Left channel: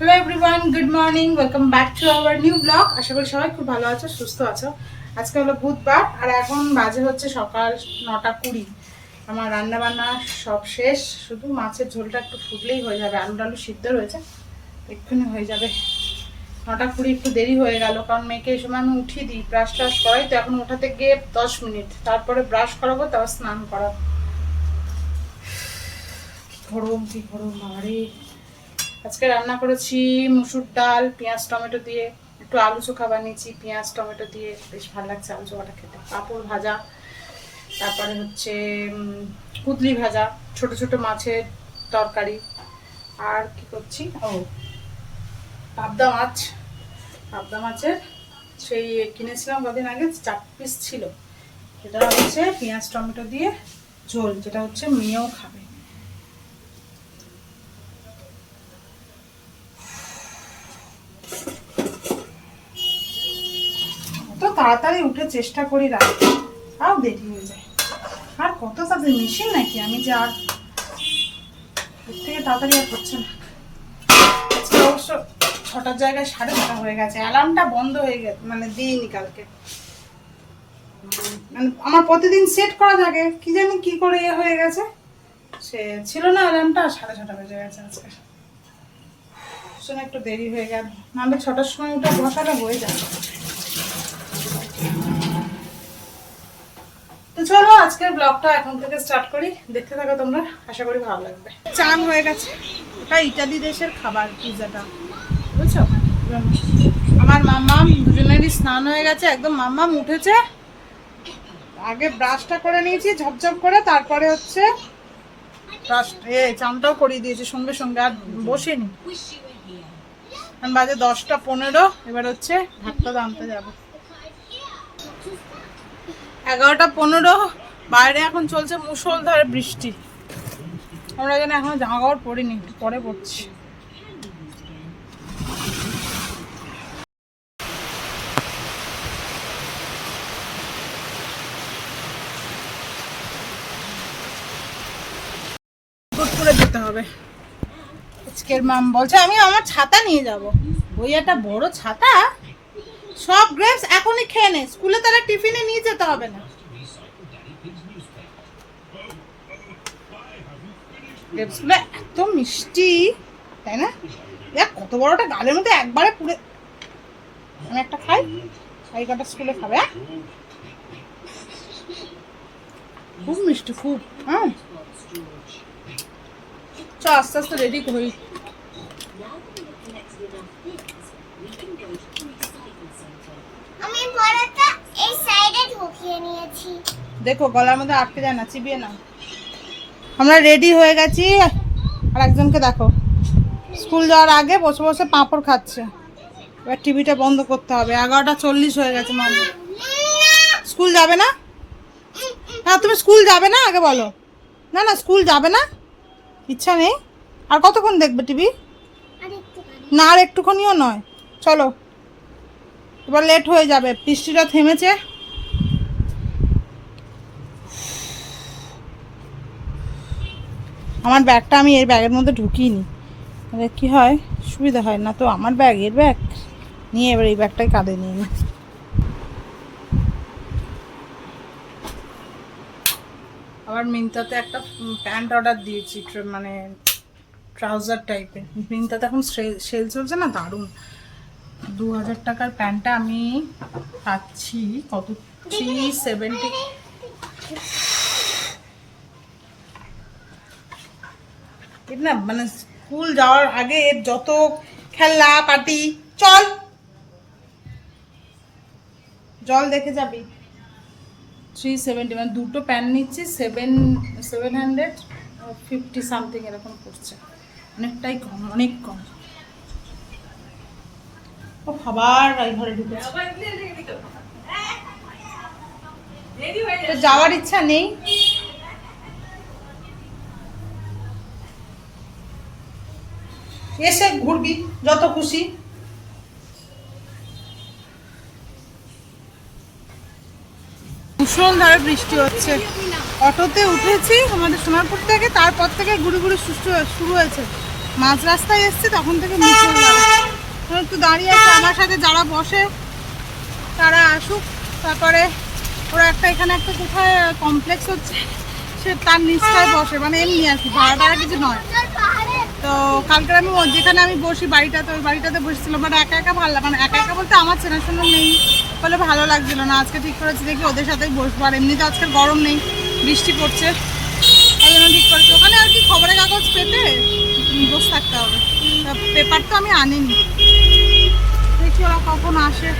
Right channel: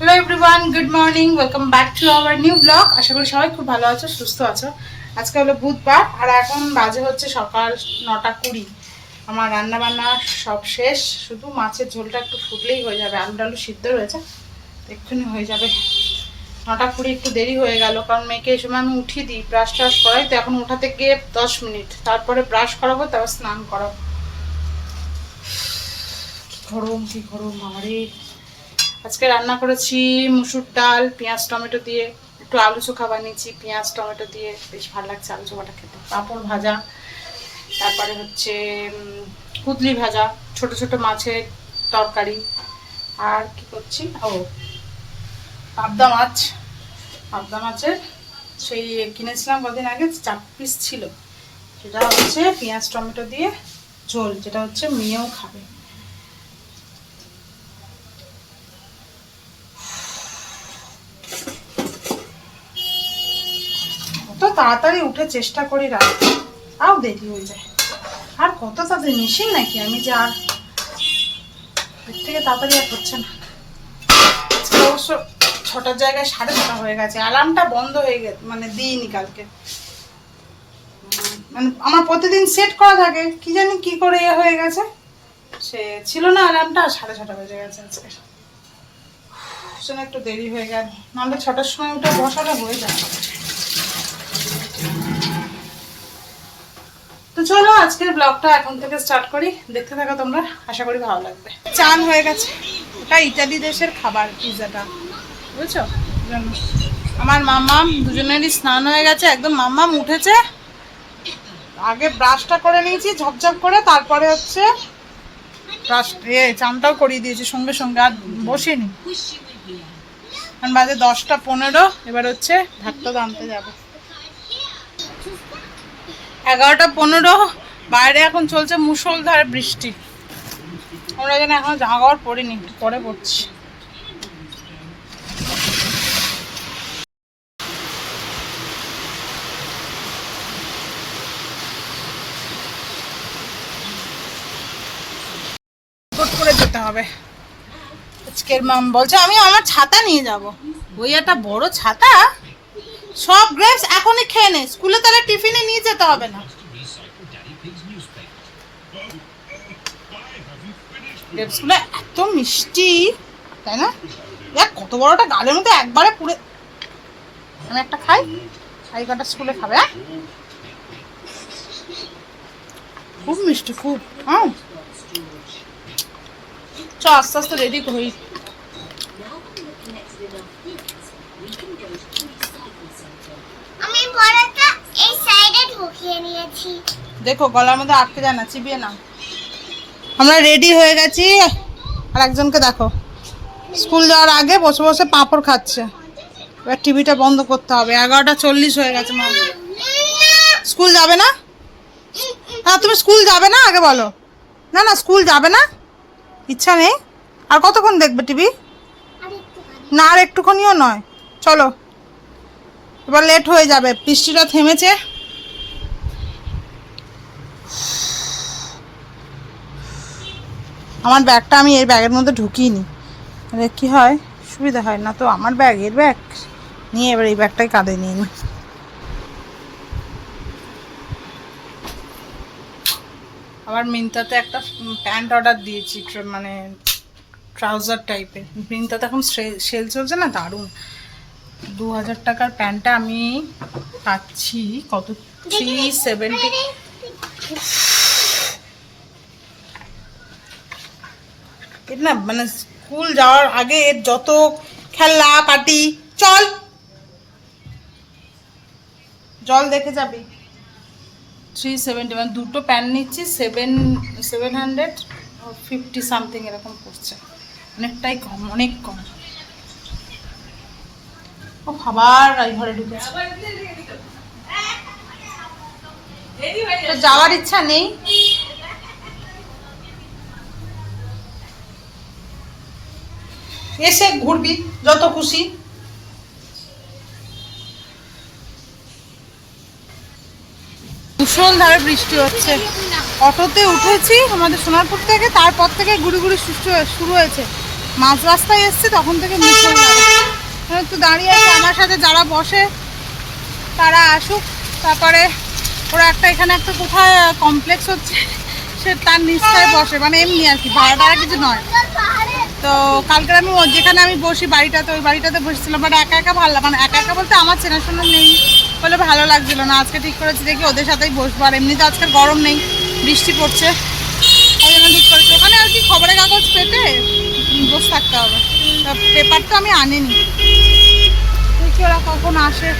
Hello everyone good morning welcome back to our new blog আশা করি সবাই খুব ভালো আছো, সুস্থ আছো। আজকে হলো বুধবার, আর এখন বাজে হচ্ছে সকাল নটা কুড়ি। আমার রান্না বান্না সব শেষ। শুধু মাছের ঝোলটা একটু ফুটলেই হয়ে যাবে। আলু টালু সিদ্ধ রয়েছে। এক্ষুনি হয়ে যাবে। নটা কুড়ি একটু দেরি হয়ে গেল, কারণ মেয়েকে এই সময় আমি উঠিয়ে দিই ব্রাশ ট্রাশ করাই। তো এখন ওঠাতে গিয়ে দশ মিনিট। তারপরে ব্রাশ করাবো, তারপর স্নান করাবো। গরম, কি গরম আমারে আজকে রান্না করেছি মুসুর ডাল, পেঁয়াজ, টমেটো দিয়ে। একটু আলু চোখা বানিয়েছি, পেঁয়াজ, টমেটো দিয়ে। বেশ ভালো লাগছে আলু চোখাটা খেতে। পাঁপড় ভাজা, তারপরে হচ্ছে কুদলি ভাজা, ছোট ছোট মাছের তরকারি। আর কি করছি? ও, পাবদা মাছ। পাবদা মাছের সেই কিনেছিলাম কদিন আগে, চার পিস ছিল। সেটা হচ্ছে পেঁয়াজ, টমেটো দিয়ে ঝোল, যেটা হচ্ছে মেয়েও খাবে কত তাড়াতাড়ি উঠে চেষ্টা করি রাখতে তাও দেরি হয়ে যায়। আর কত তাড়াতাড়ি, মেশিন নাকি? আমি যে আর এর থেকে তাড়াতাড়ি আর হচ্ছে না। অবশ্য ছটার জায়গায় সাড়ে ছটা হয়ে গেছে। অ্যালার্মটা বন্ধ হয়ে গেছে মানে দিইনি কালকে। মানে আমার প্রতিদিন সেট করা থাকে। কি জানি কি করে ইয়ে হয়ে গেছে। সে ছিল না অ্যালার্মটা সাড়ে ছটা বেজে গেছে আজকে। একটু দেরি হয়ে গেল। নাহলে ছটার সময় উঠে বসাটা হয়ে যায়। তো চলো, আজকের ব্লগটা এখন থেকে স্টার্ট করি। দেখতে থাকো তোমরা, আশা করি ভালো লাগবে। চান হয়ে গেছে। ওটা ইটালি দেশের খাবার পিৎজাটা বুঝছ? আমার মাম্মাম দুজনেরই স্নান হয়ে গেছে, একদম মাম্মাম উঠেছে। আগে ব্রাশটা করে নিয়েছি ঝপঝপ করে, তারপরে হচ্ছে ব্রাশ এ, চানটাও করিয়ে দিয়েছি সঙ্গে সঙ্গে, আর বসিনি। এখন বাজে দশটা পনেরো, এবার হচ্ছে ভাতটা আনতে যাব। এগারোটা পনেরো, বাইরে এখন চলছে মুষলধারে বৃষ্টি। আমরা যেন এখন জামা কাপড় পরিনি পরে পড়ছি। করে যেতে হবে। আজকের মাম বলছে, আমি আমার ছাতা নিয়ে যাব। ওই একটা বড় ছাতা? সব গ্রেপস এখনই খেয়ে নে। স্কুলে তাহলে টিফিনে নিয়ে যেতে হবে না। গ্রেপসগুলো এত মিষ্টি, তাই না? দেখ, কত বড়টা গালের মধ্যে একবারে পুরে আমি একটা খাই। খাই কটা স্কুলে খাবে হ্যাঁ? খুব মিষ্টি, খুব হ্যাঁ? চ, আস্তে আস্তে রেডি হই আমি বড়টা এই সাইডে দেখো, গলার মধ্যে আটকে যায় না, চিবিয়ে না আমরা রেডি হয়ে গেছি। আর একজনকে দেখো স্কুল যাওয়ার আগে বসে বসে পাঁপড় খাচ্ছে। এবার টিভিটা বন্ধ করতে হবে। এগারোটা চল্লিশ হয়ে গেছে, মা। স্কুল যাবে না? না তুমি স্কুল যাবে না? আগে বলো। না না স্কুল যাবে না? ইচ্ছা নেই? আর কতক্ষণ দেখবে টিভি না, আর একটুখানিও নয়। চলো। এবার লেট হয়ে যাবে। বৃষ্টিটা থেমেছে। আমার ব্যাগটা আমি এর ব্যাগের মধ্যে ঢুকিয়ে নি কি হয়? সুবিধা হয় না তো। আমার ব্যাগ এর ব্যাগ? নিয়ে এবার এই ব্যাগটাই কাঁধে নিয়ে নি। আবার মিন্তাতে একটা প্যান্ট অর্ডার দিয়েছি ট্র- মানে ট্রাউজার টাইপের। মিন্তাতে এখন সেল চলছে না? দারুণ। দু হাজার টাকার প্যান্টটা আমি পাচ্ছি। কত? থ্রি সেভেন্টি এর না মানে স্কুল যাওয়ার আগে এর যত খেলনা পার্টি চল। জল দেখে যাবি। থ্রি সেভেন্টি মানে দুটো প্যান্ট নিচ্ছি seven seven hundred fifty something এরকম পড়ছে। অনেকটাই কম অনেক কম। ও খাবার এই ঘরে ঢুকেছে। তো যাওয়ার ইচ্ছা নেই? এসে ঘুরবি, যত খুশি। মুসলধারে বৃষ্টি হচ্ছে। অটোতে উঠেছি আমাদের সোনারপুর থেকে, তারপর থেকে ঘুরি সুস্থ শুরু হয়েছে। মাঝ রাস্তায় এসছি, তখন থেকে এখন একটু দাঁড়িয়ে আছে, আমার সাথে যারা বসে, তারা আসুক। তারপরে ওরা একটা এখানে একটা কোথায় কমপ্লেক্স হচ্ছে, সে তার নিচটায় বসে। মানে এমনি আর কি ভাড়া টাড়া কিছু নয়। তো কালকে আমি যেখানে আমি বসি বাড়িটাতে, ওই বাড়িটাতে বসেছিলাম বাট একা একা ভালো মানে একা একা বলতে আমার চেনাশোনা নেই বলে ভালো লাগছিল না। আজকে ঠিক করেছি দেখি ওদের সাথেই বসবো, আর এমনিতে আজকে গরম নেই, বৃষ্টি পড়ছে। তাই জন্য ঠিক করেছি। ওখানে আর কি খবরের কাগজ পেতে? বসে থাকতে হবে। পেপার তো আমি আনিনি। দেখি ওরা কখন আসে।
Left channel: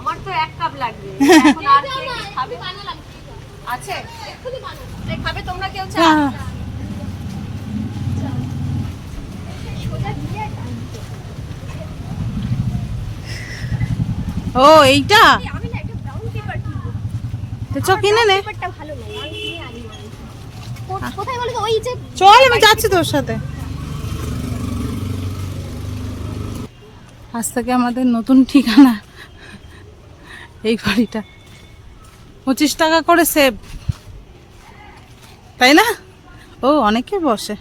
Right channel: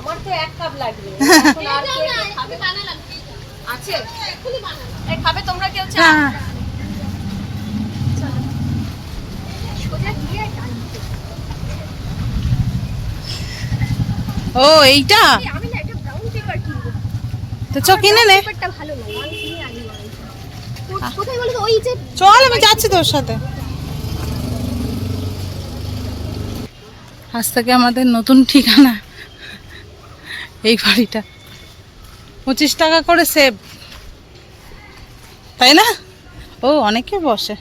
আমার তো এক কাপ লাগবে। এখন আর কে কে খাবে? আছে? এই খাবে তোমরা কেউ চা হ্যাঁ। ও এইটা? আমি না একটা ব্রাউন পেপার কিনবো। তো চ কিনে নে। চল আমি যাচ্ছি তোর সাথে। আজ থেকে আমাদের নতুন ঠিকানা। এই বাড়িটা। পঁচিশ টাকা করে সেভ তাই না? ও অনেকে বসে।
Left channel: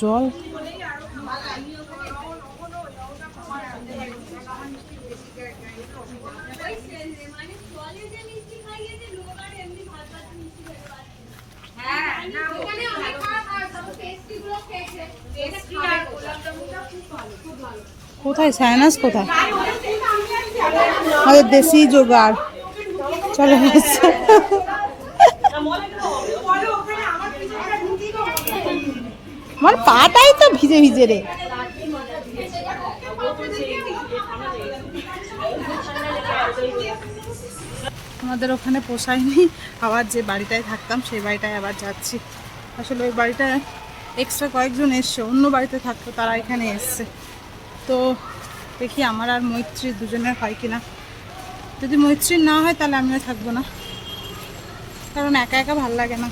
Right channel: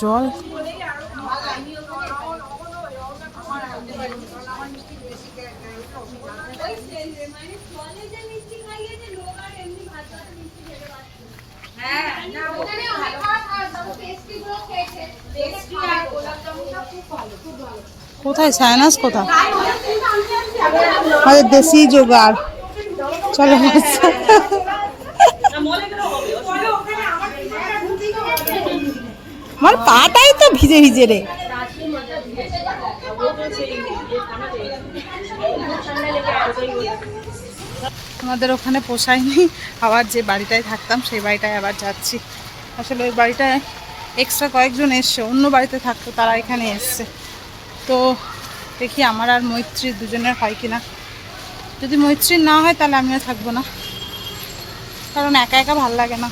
জল। কোথায়? সাইনাস কোথায়? আমাদের দেশি জোগাড়। চলো আমার পাটাই তো ভিজে ভিজে রে। আমাদের ওখানে পোষায়নি। আবার যে বাড়িটায় থাকতাম, সেই বাড়িটায় আবার যাচ্ছি। আসলে ওই বাড়িটায় এক্সট্রা কয়েকজন এসছে, অন্য বাড়িতে থাকতো, তারা এখানে এসছে। তো দেখি আমার আর মৈত্রী দুজনের হয় কিনা। যদি মৈত্রীর না হয়, তাহলে আমিও থাকব না। কারণ একা একা ভালো লাগে না।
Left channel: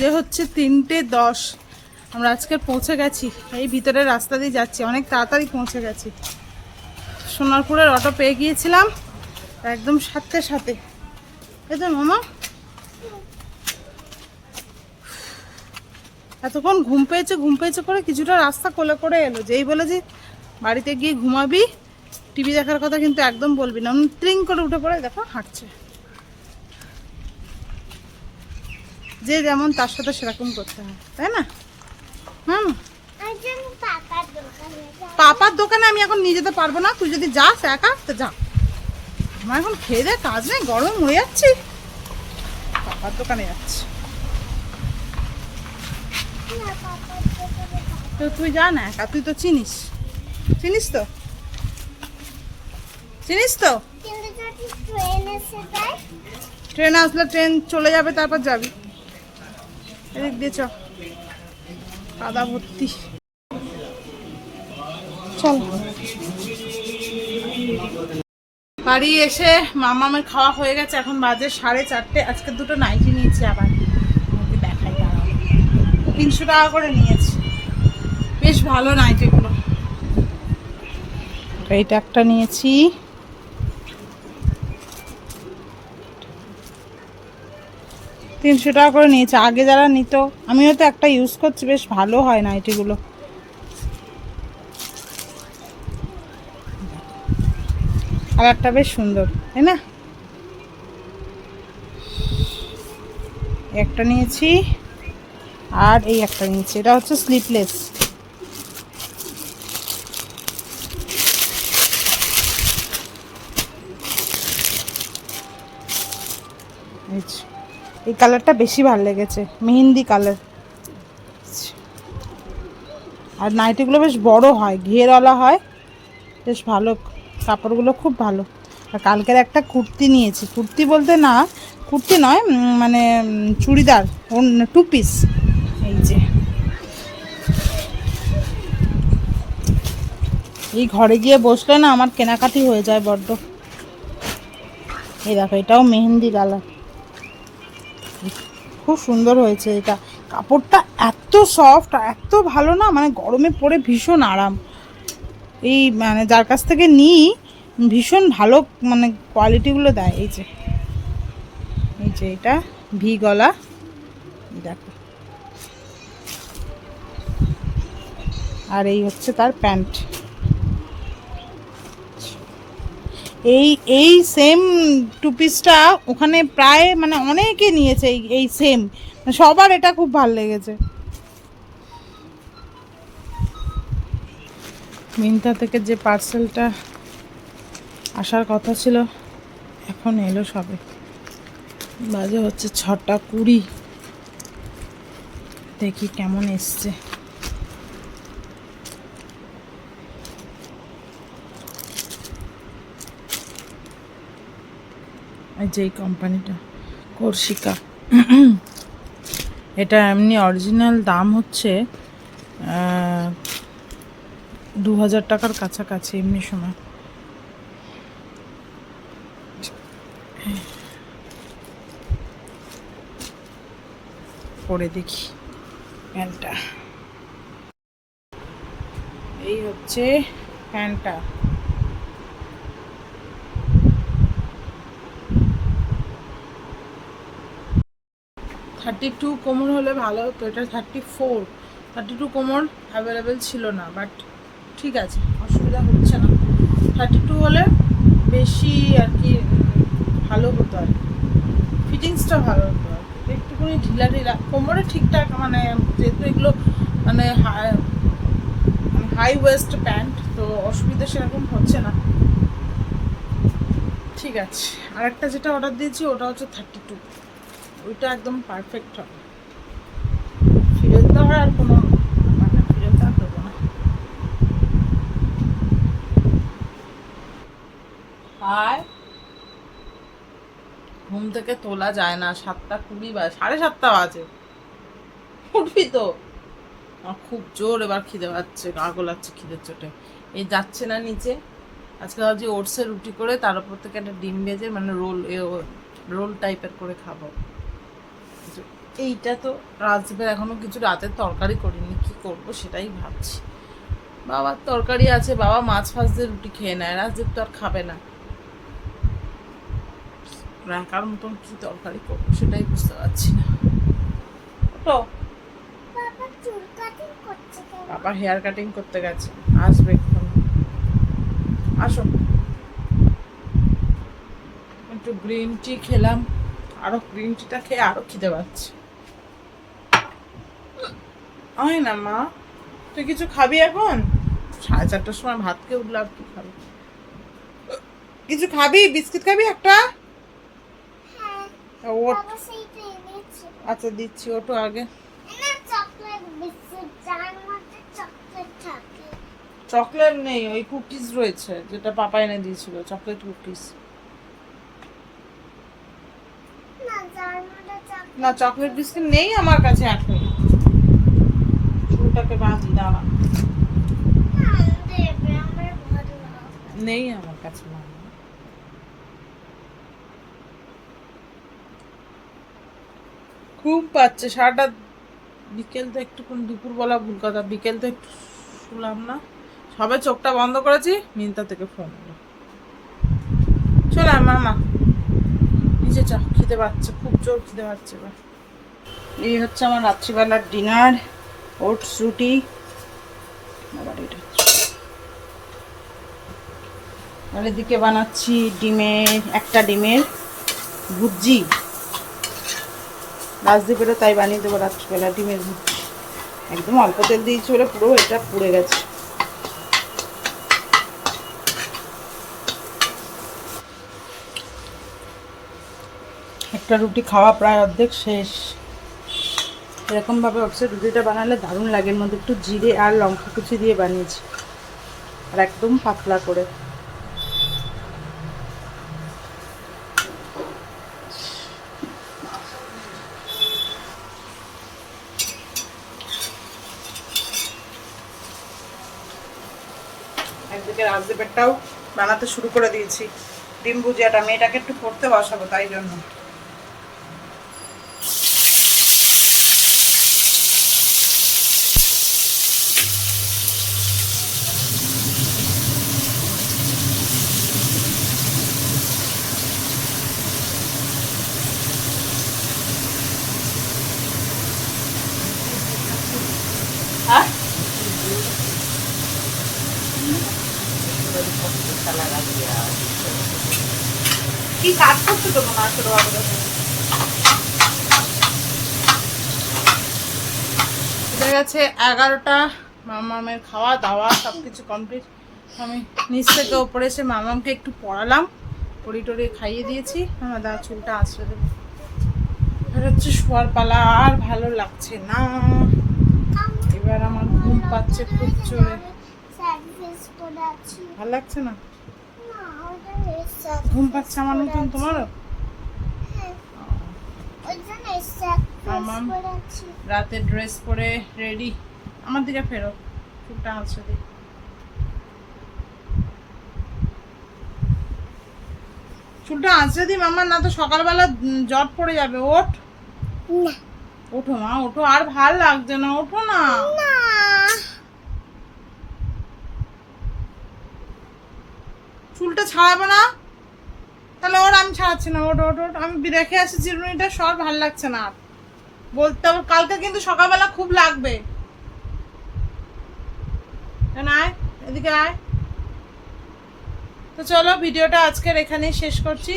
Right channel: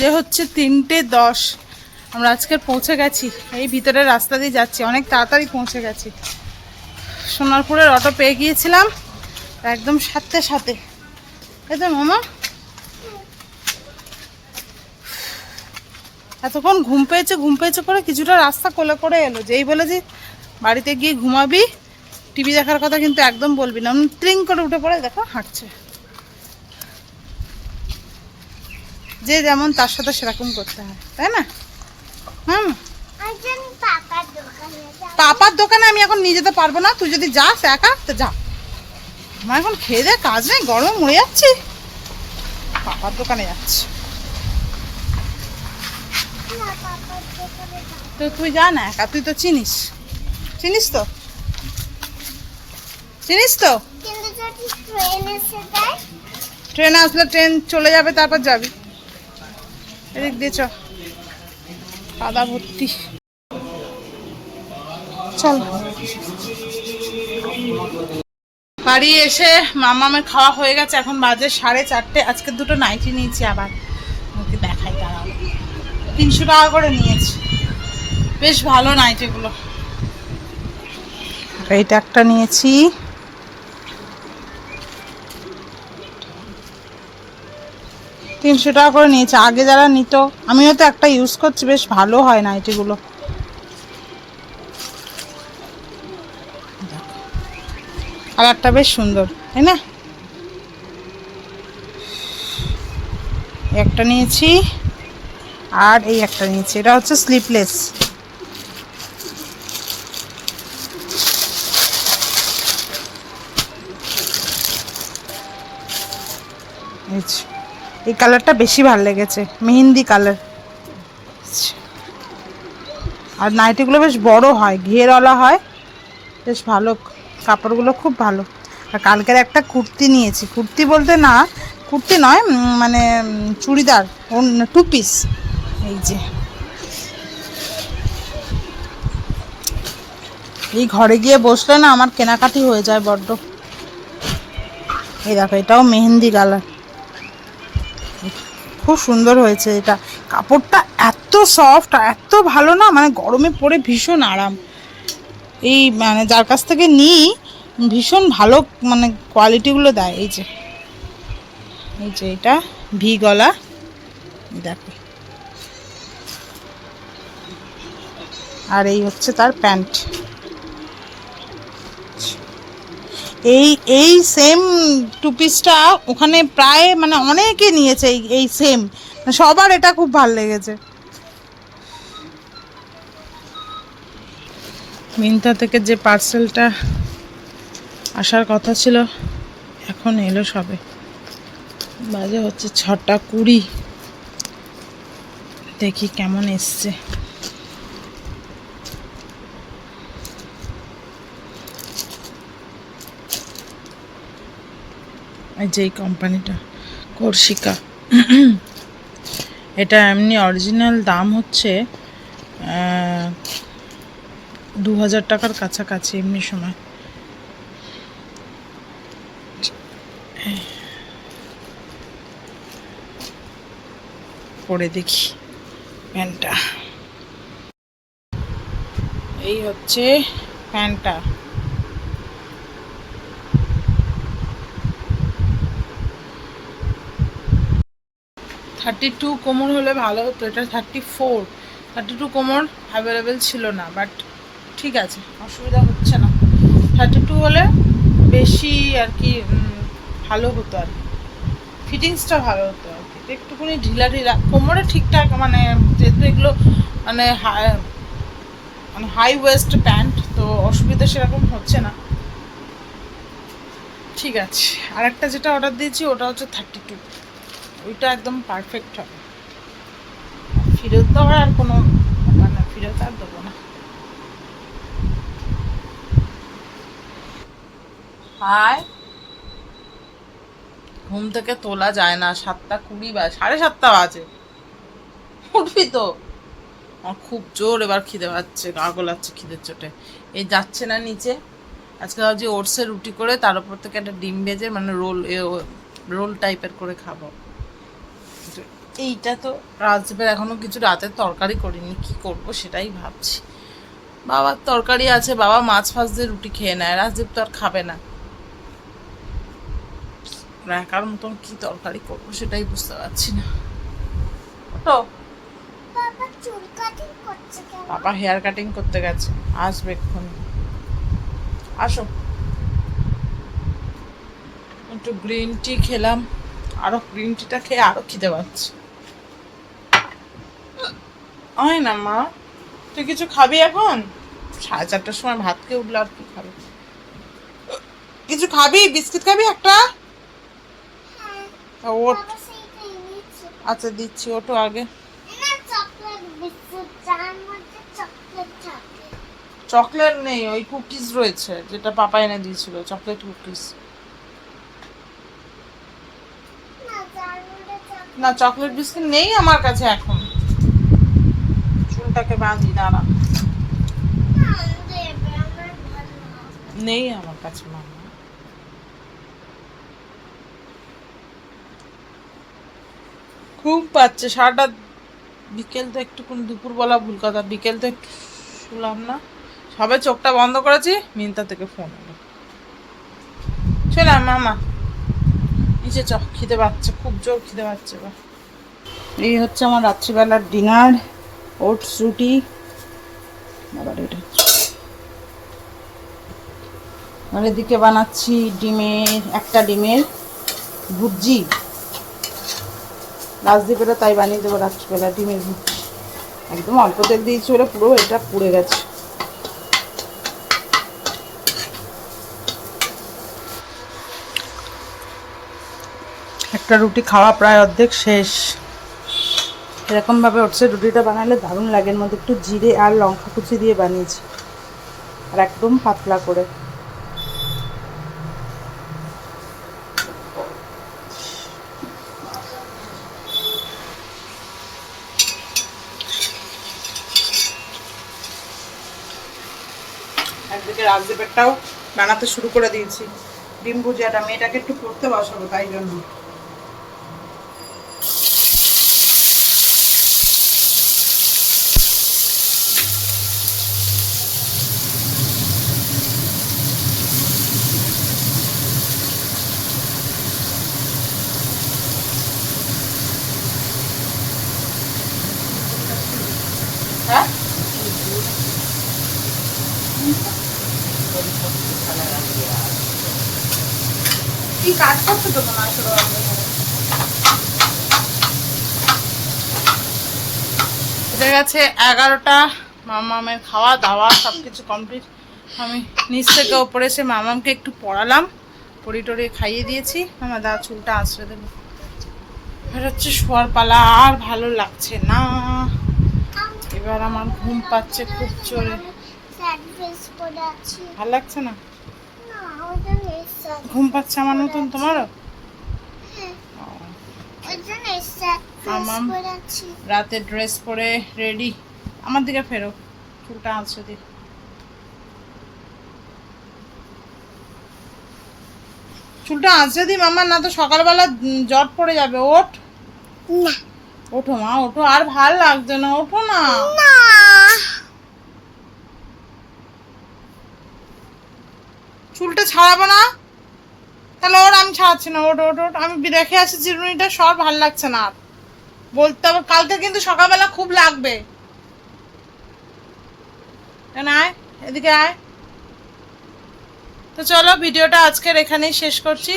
যে হচ্ছে তিনটে দশ। আমরা আজকে পৌঁছে গেছি। এই ভিতরের রাস্তা দিয়ে যাচ্ছি। অনেক তাড়াতাড়ি পৌঁছে গেছি। সোনারপুরের অটো পেয়ে গিয়েছিলাম। একদম সাথে সাথে। এই তো মামা। এতক্ষণ ঘুম পেয়েছে ঘুম পেয়েছে করে কিছুটা রাস্তা কোলে করে এলো। যেই বলে যে বাড়িতে গিয়ে ঘুমাবি টিভি দেখার কথা কিন্তু একদম বলবি না। ট্রিং করে উঠে পড়ে দেখো হাঁটছে। যে যেমন তার সাথে সেরকম করতে হয় তাই না? হুম পাপার দোকানে আমি এখন নিয়ে যেতে পারব না। তুই যদি যাস একা তো যা। আমার এখন খেয়ে দে কাজ নেই, গরমে মরে যাচ্ছি। পাপার দোকানে যাচ্ছি। তো তুই যা না একা, তুই তো চিনিস। চিনিস তো? চিনিস তো? দেয় ট্রেন আসলে ট্রেন চলে যাবে, তারপর যাবি। এদিক দিয়ে চ। কাদা ভর্তি। চল। বাড়ি এসে মামামের খাওয়া হয়ে গেছে, এখন বাজে সাড়ে চারটে, আজকে দুটো নাইটি নিয়েছি আবার। দেখাই, দাঁড়াও। তিনশো টাকা করে নিয়েছি। বেশ ভালো নাইটিগুলো এইটা একটা নিয়েছি। তিনশো টাকা করে নিয়েছে। আগে যারা নিত, আমিও তো একটা ইউজ করছি, বেশ ভালো হয় নাইটিগুলো একটা বেশ সুন্দর, তাই না? একটা নিয়েছি, আর এই একটা নিয়েছি, এটা হচ্ছে স্লিপলেস এই কালারটা বেশি ভালো লেগেছে, মেহেন্দি কালার। আর নাইটিগুলো বেশ বড় হয়, ঘেরওয়ালা হয়, বেশ ভালো কাপড়গুলো খুব ভালো। আর কালকের একটা কুর্তি নিয়েছি। কুর্তি বলতে না, কুর্তি নয় মানে চুড়িদার টু পিস। এই যে। এই ঘরে গিয়ে বসলে না আমার কেনাকাটি হয়ে যায় বড্ড। এই দেখো, এটাও মেহেন্দি কালার। খুব সুন্দর হয়েছে এটা। কাপড়টা এত সফট এত ভালো না মানে গরমে পরে ভীষণ আরাম। এই মানে যার কাছ থেকে নিই, ভীষণ ভালো মানে কোয়ালিটিগুলো দেয়। এই যে এই যে এটা, ভি গলা। দেখো। আর এই হচ্ছে তার প্যান্ট। এই এই সেম টু পিসটা ওখানে প্রায় মানে অনেকে নিয়েছে এই সেম সবার এটা খুব ভালো লেগেছে। মিন্তা থেকে যে পার্সেলটা আসার কথা ছিল, এখন এলো সবে। বাজে হচ্ছে ছটা কুড়ি। দেখি কেমন এসছে। যে কোম্পানিটা কর্ষিকা এটা এমনি অরিজিনাল দাম হচ্ছে দু হাজার টাকার কাছাকাছি এমনি সময়। পরে দেখি প্যান্টটা। এই হচ্ছে প্যান্টটা। থার্টি টু কোমর হলে ভালো হতো, এটা থার্টি ফোর। থার্টি টু কোমর অ্যাভেলেবেল ছিল না বাট ঠিক আছে, অসুবিধা হচ্ছে না। থার্টি টু হলে বেশি আর কি ভালো হতো আর কি। ফিটিংসটা ভালো হতো আর কি। একটুখানি ঢিলা ঢিলা, কোমরে ঠিকঠাক মানে যেহেতু এগুলো মানে মানে হাই ওয়েস্ট প্যান্ট তো অসুবিধা সেরকম হচ্ছে না। ঠিক আছে আর একটা যেটা অর্ডার দিয়েছি, ওটা হচ্ছে থার্টি টু ওইটা একদম পারফেক্ট হবে। ফেরত দেওয়ার আর কোনো মানে ফেরত আর দেবো না হাই ঘুম থেকে তোলা যায় না, সাতটা কুড়ি বা সাড়ে সাতটা বাজে। উঠবি তো। আমার খুব জোর এবার খিদে পাচ্ছে, গা গোলাচ্ছে খিদের চোটে। এই যাচ্ছে না নিচে। আজকে ভাবছি ওটসের রুটি করে তার উপর থেকে একটা ডিম ভেজে মানে রোল রোল টাইপের করে খাব। এইটা তো রাজদীপের এখনও কিছু রাতের তরকারি করিনি, কি করব সেটাই ভাবছি। বাবার তরকারি আছে, বাবা মাছ ফাছ দিয়ে রুটি খেয়ে নেয়, রাজদীপ তো আর খাবে না। একার মতন কি তরকারি করব সেটাই বুঝতে পারছি না। তো? বাবা হেয়ার কাটিং করতে গেছে আসবে এক্ষুনি। আসো। একটু গ্রিন টি খেলাম আরও গ্রিন টিটা খেয়ে আরও খিদে পাচ্ছে। হয় না মা তুই কিছু খাবি এখন? সাড়ে চারটার সময় ভাত খেয়ে উঠলে আর কি খাবে? কিছু খাবি? বিস্কিট খাবি একটা? ওট আচ্ছা দিচ্ছি ওটো আগে। চকলেট নেই ওই কুকিজ রয়েছে যেটা পাপা এনে দিয়েছিল চকলেট কুকিজ না চকলেট বিস্কিট নেই আমার কাছে এখন। চুলটাকে বাঁধি দাঁড়া। নেই আমার কাছে মামা। খুব পাচ্ছে। সারাটা বিকেল তো একটুকুন, দুপুরবেলা ভুল কথা বিকেল তো একটু শুলাম না। সবে চোখটা বন্ধ করেছি, মিন্তা থেকে ফোন এলো। চলে মামা। নিচে চ, খিদে পাচ্ছে, খুব জোর খিদে পাচ্ছে এবার। এই হচ্ছে আমার রাত্রিবেলার ডিনার, ওটস রুটি। আবার এটা আর এদিকে বানাচ্ছি ডিমের, একটা ডিমের ভুজি রাজদীপেরও তাই বানিয়ে দেবো রাত্রিবেলা, ডিমের একদম অল্প তেল দিয়েছি বলে পুরো এটা পুড়ে গেছে। একটা রুটি খাওয়া প্রায় অর্ধেক শেষ। এরকমভাবে হচ্ছে রুটিটা বানালে দারুণ লাগে, এর মধ্যে একটু জিরে আর লঙ্কা কুচি দিয়ে বানিয়েছি। আর একদম পাতলা করে। একদিকে রাজদীপেরটাও বানাতে শুরু করে দিয়েছি। ডিম ভুজিয়াটা মেয়েটাকে একটু পড়তে বসাবো, তাই জন্য। হ্যাঁ? কি কাজ করতে দেবো না গেছে এগারোটা, মামামের খাওয়া দাওয়া সব কিছু কমপ্লিট আমি নিচ থেকে ওপরে এসে মামামকে একটু পড়ালাম। পড়ি টড়িয়ে খাইয়ে দিয়েছি। আমার দা চুলটা আঁচড়ে দেবো। এবার হচ্ছে শোয়ার পালা আর ভালো লাগছে না। এবার আমার ঘুম পাচ্ছে খুব জোরে। করে আছি। ভালো লাগছে না? ঘুম পাচ্ছে আমার মতন তোমারও? আছি। রাতে ড্রেস পরে রেডি আমার দিকে ফেরো চুলটা আঁচড়ে দিই চুলটা আঁচড়ে দিই মামা না তো সকালবেলা জট পড়ে যাবে। ওঠ। না। ওঠো মা ওঠো। আর ভালো লাগছে না ওঠো না না চুলটা ছাড়াবো না? তাহলে ওর আমি ছাড়াচ্ছি না। ওট ওট ওট আমি রেখে আসি চিরুনিটা সব ভালো লাগছে না আর। বলতে হবে কালকে কিন্তু সকালবেলা খুব লাগবে। আয়? এদিকে আয়। তো চলো ভিডিওটা আজকের এখানেই শেষ করছি।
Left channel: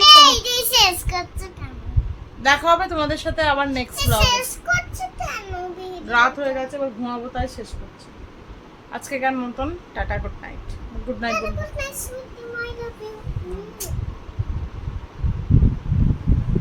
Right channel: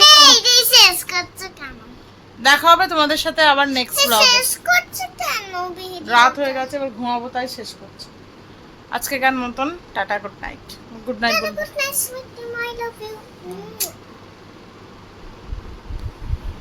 দেখা হবে তোমাদের সাথে আবার নেক্সট ব্লগে রাত হয়ে গেছে এবার ঘুমাবো তাই শেষ করছি। আজকে গান মতন tata good night. Good night